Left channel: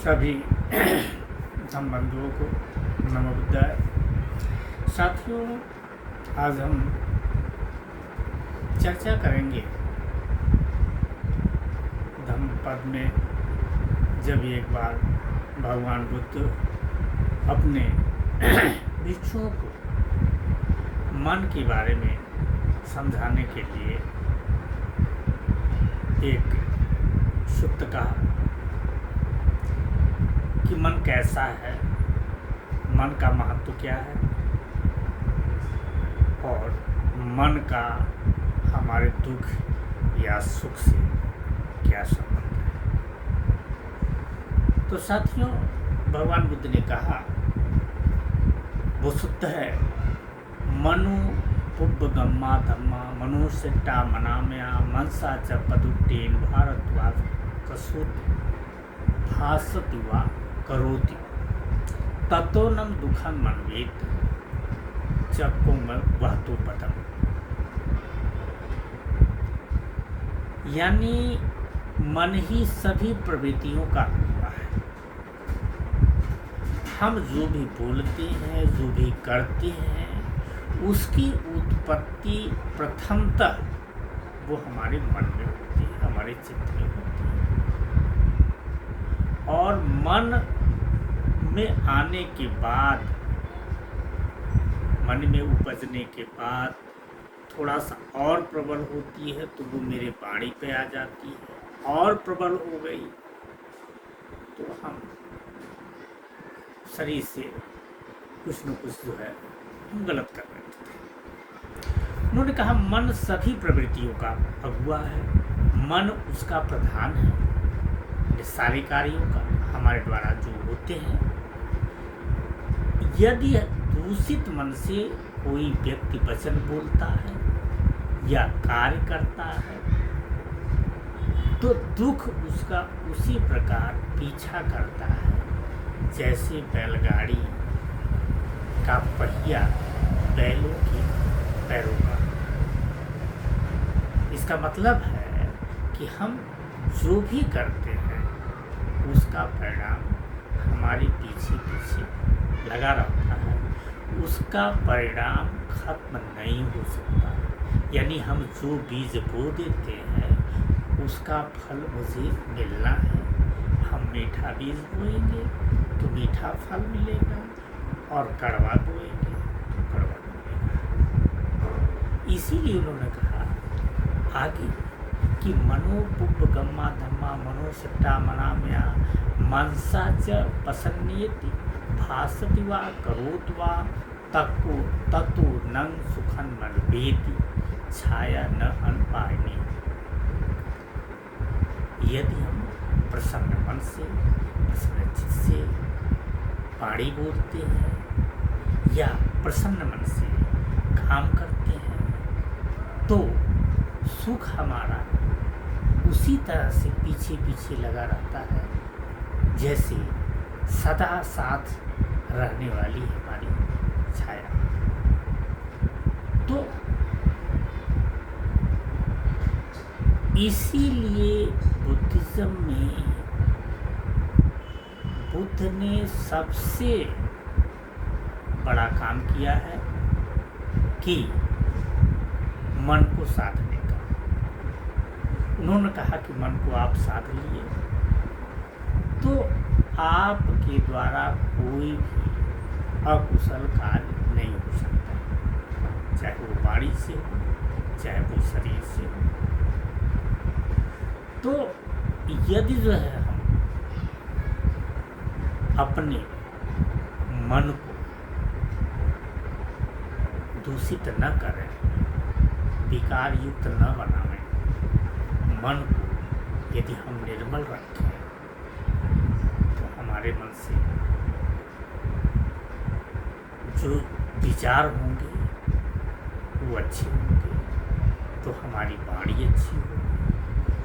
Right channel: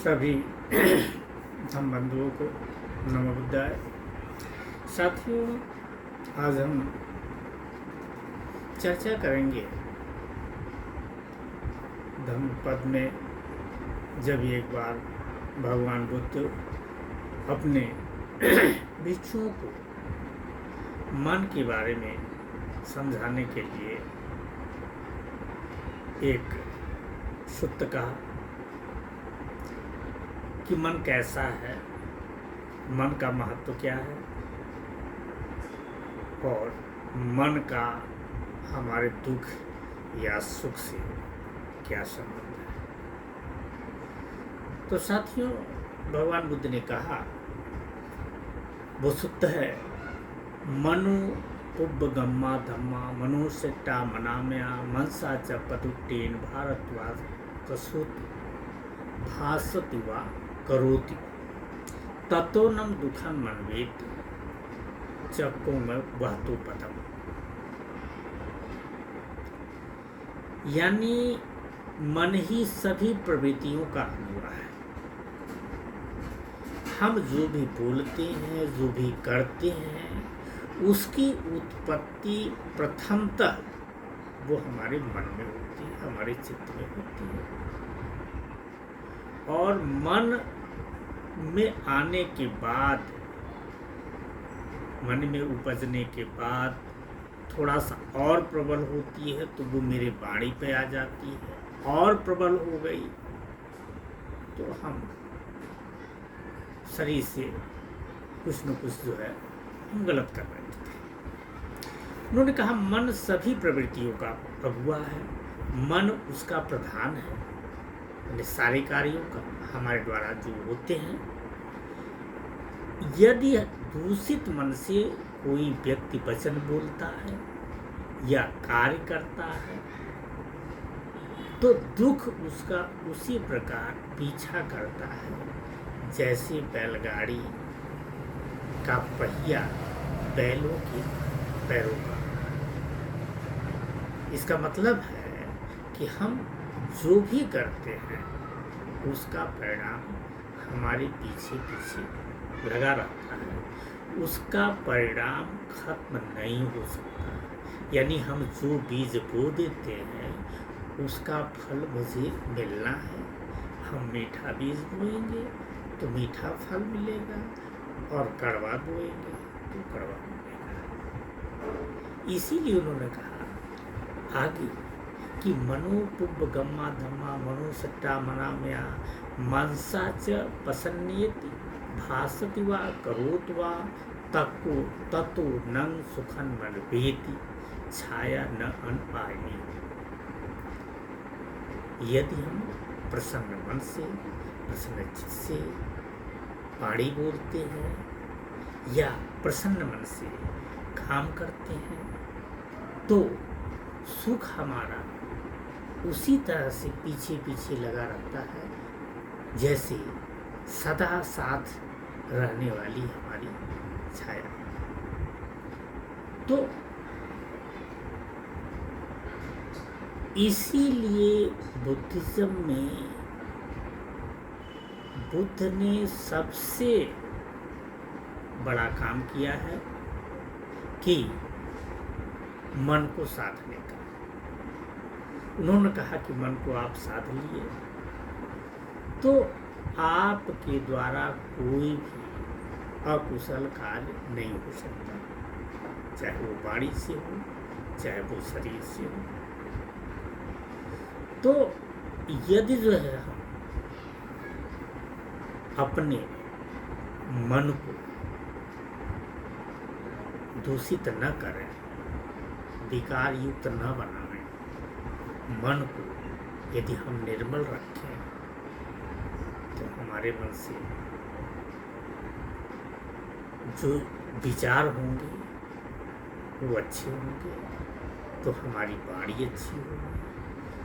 सभी धम्म बंधुओं को नमो बुद्धाय। साथियों, आज हम चर्चा करेंगे धम्म पद में जब एक बार भगवान बुद्ध अपने भिक्षुओं को मन के बारे में समझाने के लिए एक सुत्त कहा कि मन कैसा है, मन का महत्व क्या है और मन का हमारे दुख या सुख से क्या संबंध है। तो साथियों, भगवान बुद्ध ने कहा वो सुत्त है मनु पुब्बगम्मा धम्मा मनुष्यटा मनामया मनसा च पदुट्टेन भारद्वाज कसूत भासति वा करोति ततोनम दुखम मनवेत चक्को में वहतु पदम। यानी मन ही सभी प्रवृत्तियों का हुआ है। हम जो भी बोलते हैं, जो भी करते हैं, उसकी उत्पत्ति प्रथमतः वो हमारे मन में होती है, हमारे चित्त में होती है। और मन में आने के बाद, मन में उपजने के बाद थोड़ा सा और प्रबल होती है तो वो मेरे वाणी पे आ जाती है। और प्रबल हो गई तो हम शरीर से कुछ न कुछ जो है हम गलत कर रहे थे। उन्होंने कहा मन सभी प्रवृत्तियों का अगुआ है, मन उसका प्रधान है। सारे कार्यों का हमारे द्वारा जो होते हैं, यदि दूषित मन से कोई व्यक्ति वचन बोलता है या कार्य करता है तो दुख उसका उसी प्रकार पीछा करता है जैसे बैलगाड़ी का पहिया बैलों के पैरों का। इसका मतलब है कि हम जो भी करते हैं उसका परिणाम हमारे पीछे पीछे लगा रहता है, उसका परिणाम खत्म नहीं हो सकता। यानी हम जो बीज बो देते हैं उसका फल मुझे मिलना है। हम मीठा बीज बोएंगे तो मीठा फल मिलेगा और कड़वा बोएंगे तो कड़वा मिलेगा। इसीलिए उन्होंने कहा आगे कि मनो पुब्बगम्मा धम्मा मनोसट्टा मनामया मनसा च पसन्नेति भासति वा करोति वा ततो नंग सुखन मनवेति छाया न अनपायनी। यदि हम प्रसन्न मन से, प्रसन्न चित्त से वाणी बोलते हैं या प्रसन्न मन से काम करते हैं तो सुख हमारा उसी तरह से पीछे पीछे लगा रहता है जैसे सदा साथ रहने वाली हमारी छाया। तो इसीलिए बुद्धिज्म में बुद्ध ने सबसे बड़ा काम किया है कि मन को साधने का। उन्होंने कहा कि मन को आप साध लिए तो आपके द्वारा कोई भी अकुशल कार्य नहीं हो सकता, चाहे वो वाणी से हो, चाहे वो शरीर से हो। तो यदि जो है हम अपने मन को दूषित न करें, विकार युक्त न बनावें, मन को यदि हम निर्मल रखें तो हमारे मन से जो विचार होंगे वो अच्छे होंगे, तो हमारी वाणी अच्छी होगी,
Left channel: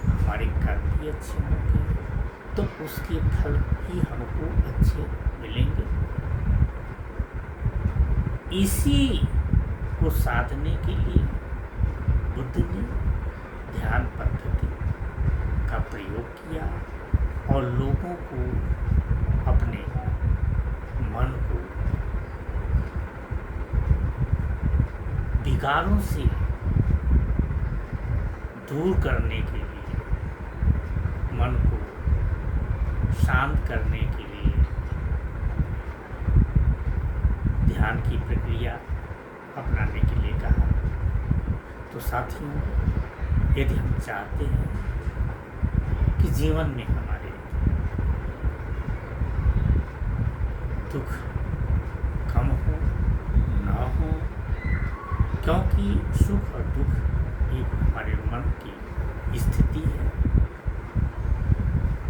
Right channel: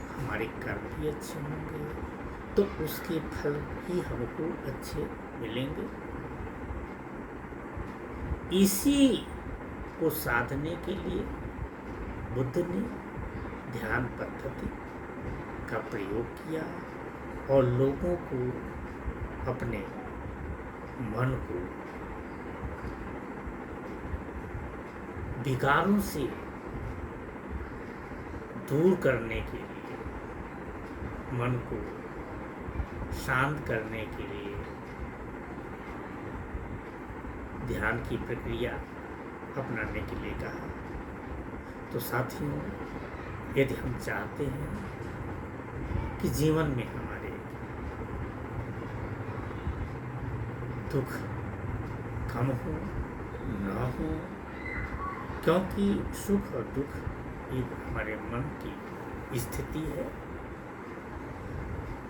हमारे कर्म भी अच्छे होंगे, तो उसके फल ही हमको अच्छे मिलेंगे। इसी को साधने के लिए बुद्ध ने ध्यान पद्धति का प्रयोग किया और लोगों को अपने मन को विकारों से दूर करने के लिए, मन को शांत करने के लिए ध्यान की प्रक्रिया अपनाने के लिए कहा। तो साथियों, यदि हम चाहते हैं कि जीवन में हमारे दुख कम हो, न हो, क्योंकि सुख और दुख एक हमारे मन की स्थिति है,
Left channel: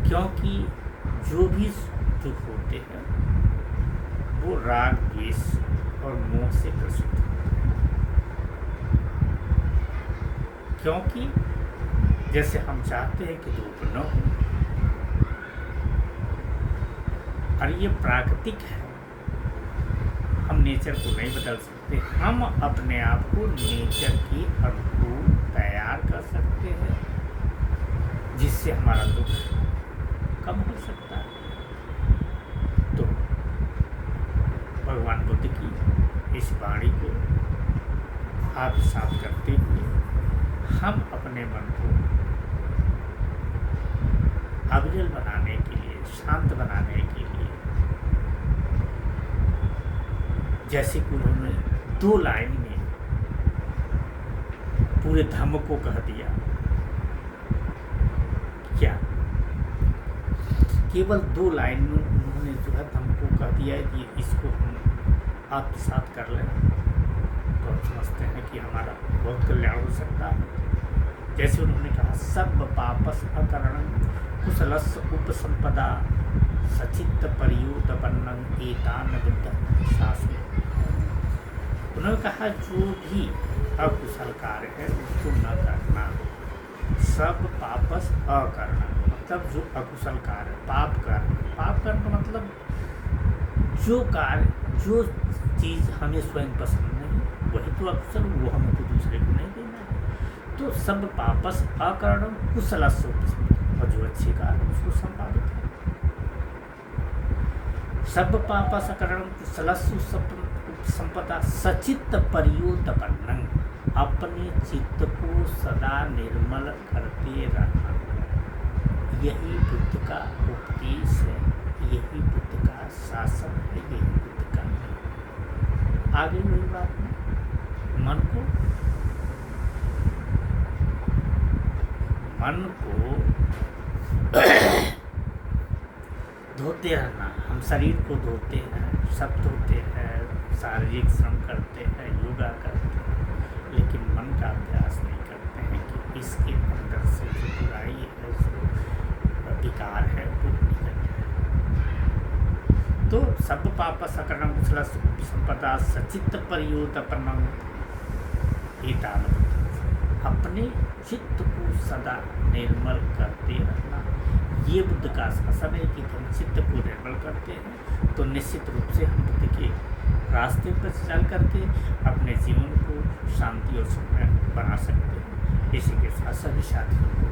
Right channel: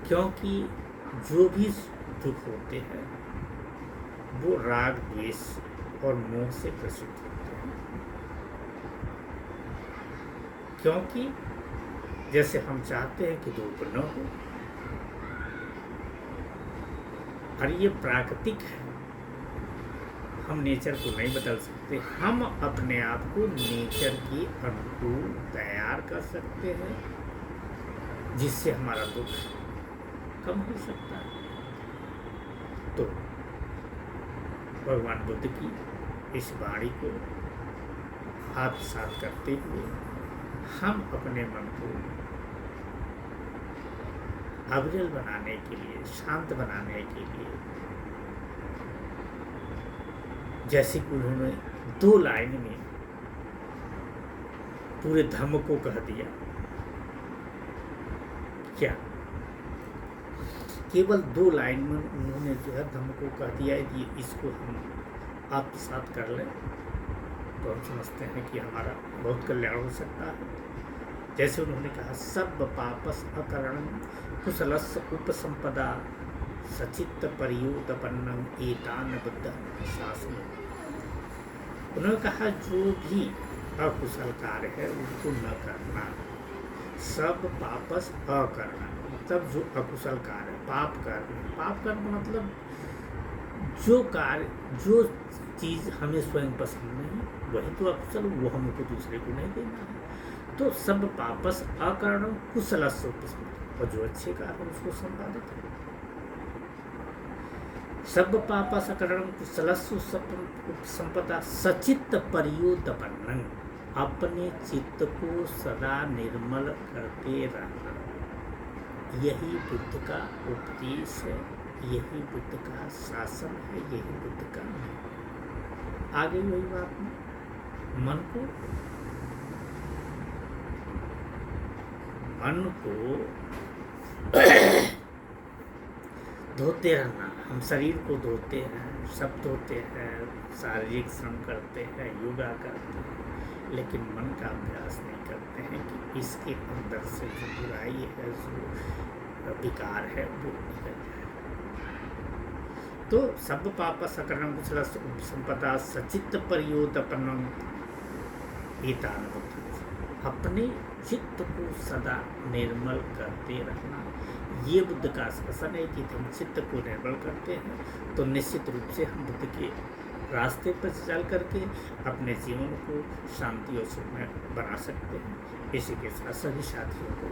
क्योंकि जो भी दुख होते हैं वो राग, द्वेष और मोह से ग्रसित होते हैं। क्योंकि जैसे हम चाहते हैं कि दुख न हो, और ये प्राकृतिक है, हम नेचर को नहीं बदल सकते। हम अपने आप को नेचर के अनुकूल तैयार कर सकते हैं, जिससे हमारा दुख कम हो सकता है। तो भगवान बुद्ध की इस वाणी को आत्मसात करते हुए हम अपने मन को अविरल बनाने के लिए, शांत बनाने के लिए, जैसे कि उन्होंने 2 लाइन में पूरे धर्म को कह दिया। क्या केवल 2 लाइन में उन्होंने जो है धर्म को कह दिया है कि इसको हम आत्मसात कर लें तो हम समझते हैं कि हमारा बहुत कल्याण हो सकता है। जैसे उन्होंने कहा, सब पापस अकरणं कुशलस्य उपसंपदा सचित्त परियोदपन्नं एतान बुद्ध शासन। उन्होंने कहा जो भी अकुशल कार्य है उसको न करना। सब पापस अकरणं मतलब जो अकुशल कार्य, पाप करना मतलब जो कार्य, जो चीज़ हमें स्वयं पसंद नहीं वही तो अकुशल, वो हमको दूसरे को नहीं देना है। तो सब पापस अकरणं कुशलस्य उपसंपदा, और जो अच्छे कार्य उसको संपादित है। सब पापस अकरणं कुशलस्य उपसंपदा सचित्त परियोदपन्नं, अपने चित्त को सदा निर्मल करते रहना। यही बुद्ध का उपदेश है, यही बुद्ध का शासन है, यही बुद्ध का है। आगे वही बात में मन को धोते रहना। हम शरीर को धोते हैं, सब धोते हैं, शारीरिक श्रम करते हैं, योगा करते हैं, लेकिन मन का अभ्यास नहीं करते हैं कि इसके अंदर से जो बुराई है, जो विकार है वो निकल जाए। तो सब पापस अकरणं कुशलस्य उपसंपदा सचित्त परियोदपन्नं एतान बुद्ध। अपने चित्त को सदा निर्मल करते रहना, ये बुद्ध का शासन है कि हम चित्त को निर्मल करते हैं तो निश्चित रूप से हम बुद्ध के रास्ते पर चल करके अपने जीवन को शांति और सुख में बना सकते हैं। इसी के साथ सभी साथियों को